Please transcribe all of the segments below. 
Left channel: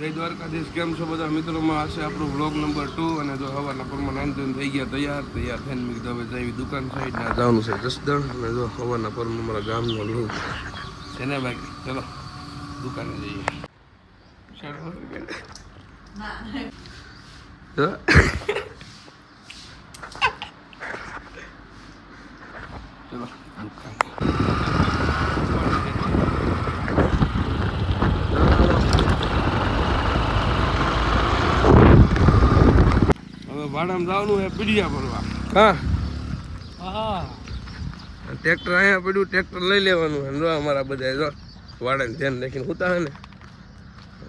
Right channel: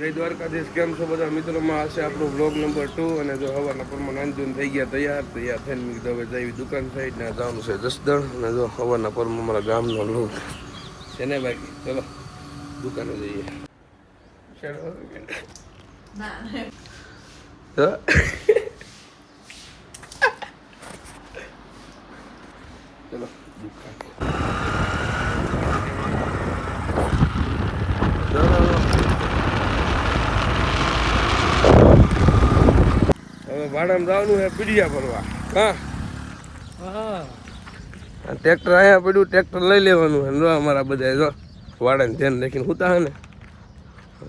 જય દ્વારકાધીશ. કેમ છો બધા મિત્રોમાં? હશે આપણો બ્લોગ નંબર 2 અને જો હવાના પરમાં નાઈન થઈ ગયા તૈયાર ફેન મીકીધું. હવે જઈ દુકાન સાઈડ ને જવાનું છે જસદણ અને જો હવાના પરમાં અમારા ગામનો લોક છે ને ભાઈ. ચલો દુકાને જઈએ. ચલો દુકાન. હવે ભાડામાં જવાનું છે પીડિયા ભરવા. હા, ટ્રેક્ટર અહીંયા પડ્યું, ટ્રેક્ટર લઈ લેવાનું છે. અમારા બધા જો વાડાને ધ્યાન રાખીને સુતા હે ને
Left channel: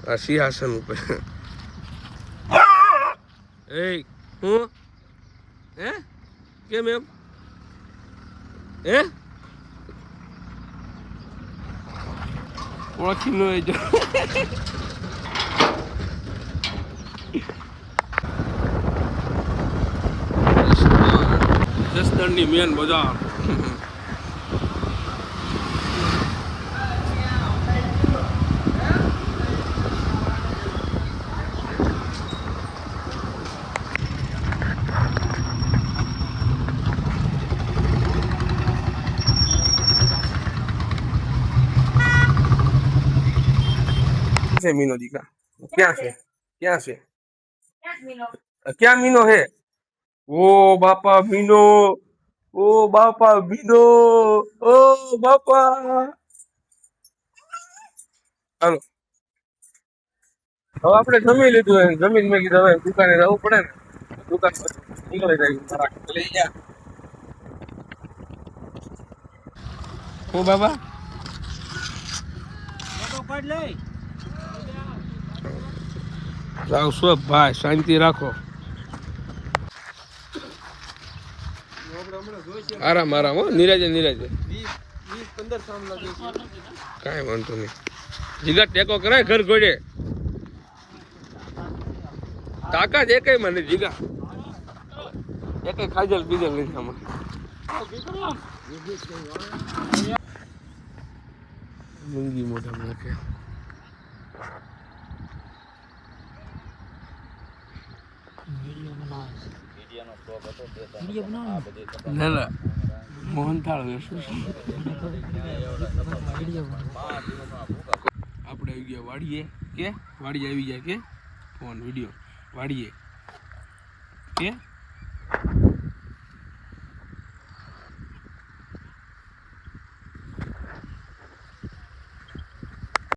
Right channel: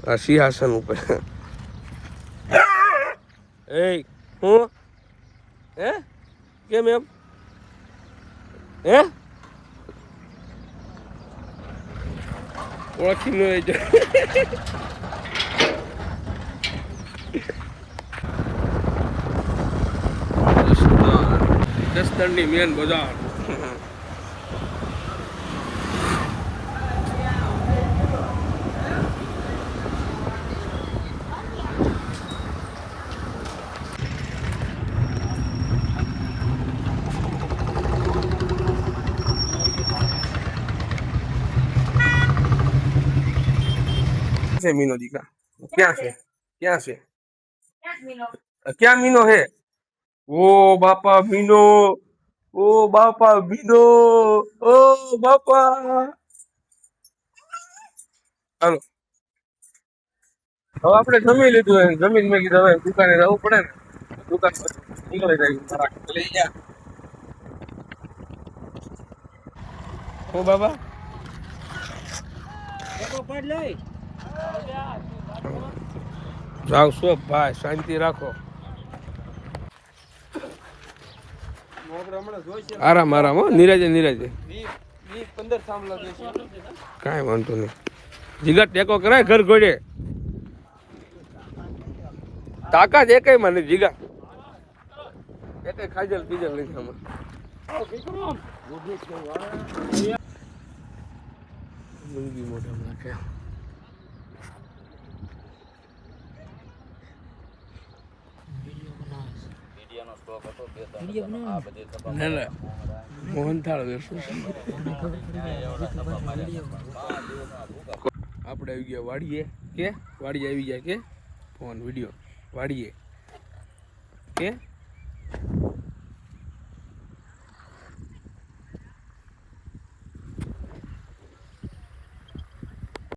આ સિંહાસન ઉપર. એ હું હે કેમ એમ હે ઓછી ન હોય જસદણની મેન બજાર. મીનો દીકા ક્યાં છે? ક્યાં છે? ક્યાં મીનો હે? ઓ બાપા મીનો, ઓ બાપા મીનો, ઓ બાપા. હાલો હવે આપણે જમી લીધું. જમીન મેં કીધું હવે દુકાને જવું પડે ને. દુકાન નીકળી જાય લઈ ગયા. ઓ બાબા આવશો ભાઈ, શાંતિ રાખો. આરામ આરામ હો, નિરાજે નિરાજે. કાંઈ વાંધો નહીં. જીગા ટેકો કરાય ઘર ઘોડે. તાકાત એકઈ માં નથી જીગા. એકઈ ખાજલ બીજલ નથી આમાં. મૂંગી મોઢા નાખે. ના ના મોહનથાળ આપણે આવી ગયા વાડીએ. કે વાડીએ આવી ગયા કે ફોન વિડીયો વાડીએ કે